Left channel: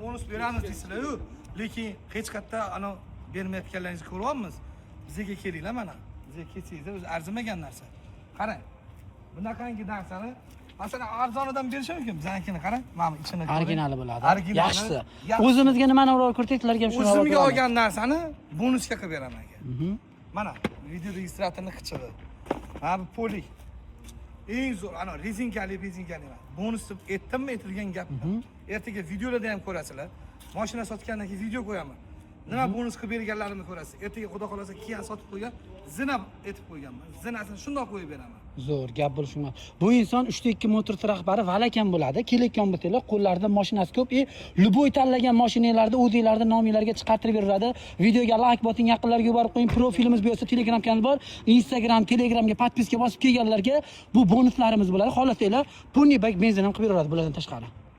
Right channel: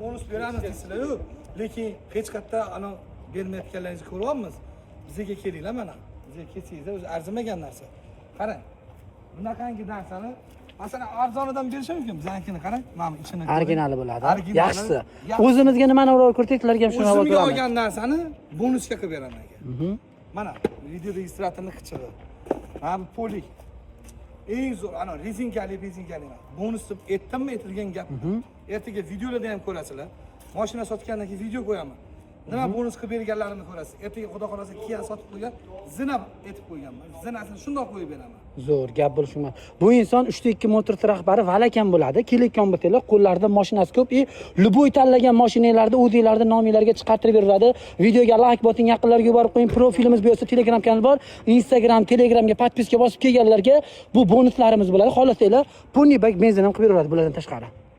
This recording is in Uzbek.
bonus beramiz deysizlar-ku. Lekin hech qayerda ana bermayotganlaringizni ko'ryapmiz. Bizga kelinglar mana. Bizga kelsangizlar o'zi arzimagan narsa. Qarang. Bunaqangi narsani masalan arzonidan berishi mumkin. Biznikini qarang. Mana ichini. Originali bo'ladi. Yaxshisi. Yaxshi. O'zimizga nimani urib ko'rdik?larga ham shuni O'zimga olgan narsani bonusga qilib beraman aka. Mana video registratorning qichig'i. Mana bu polik. Eng zo'r ana rezinkali emas. Bonus deb aytdimmi aytilgan gap. Ertaga videolarda ham ko'rasizlar. Mashina sotgandan keyin video qo'yaman. Nima bonus qilib berganlarimni ko'rasiz. Ertaga xudo xolasa Kia sotib qo'ygan, zina aytib qo'yganman. Zinasini shundoq qo'yib beraman. Zo'r gap bo'lishmi? Bu inson 3.2 motor rahbari Valakan bo'ladi. Kelayotgan bo'lsanglar, qo'llarida mashinasi ko'p, luboy tanlagan mashinalarni o'zingizlarning nomingizlarga chiqartirib beradi. Videoga like boting, yaqinlarga yuborib qo'ying. Profilimiz bu yerda, Telegram kanal bor. Instagram, Telegramga podpiska bosib kelganlarga bu bonuslarimiz bo'ladi. Xohlasanglar, pulni benzin ham qilib beradi bulardan tashqari.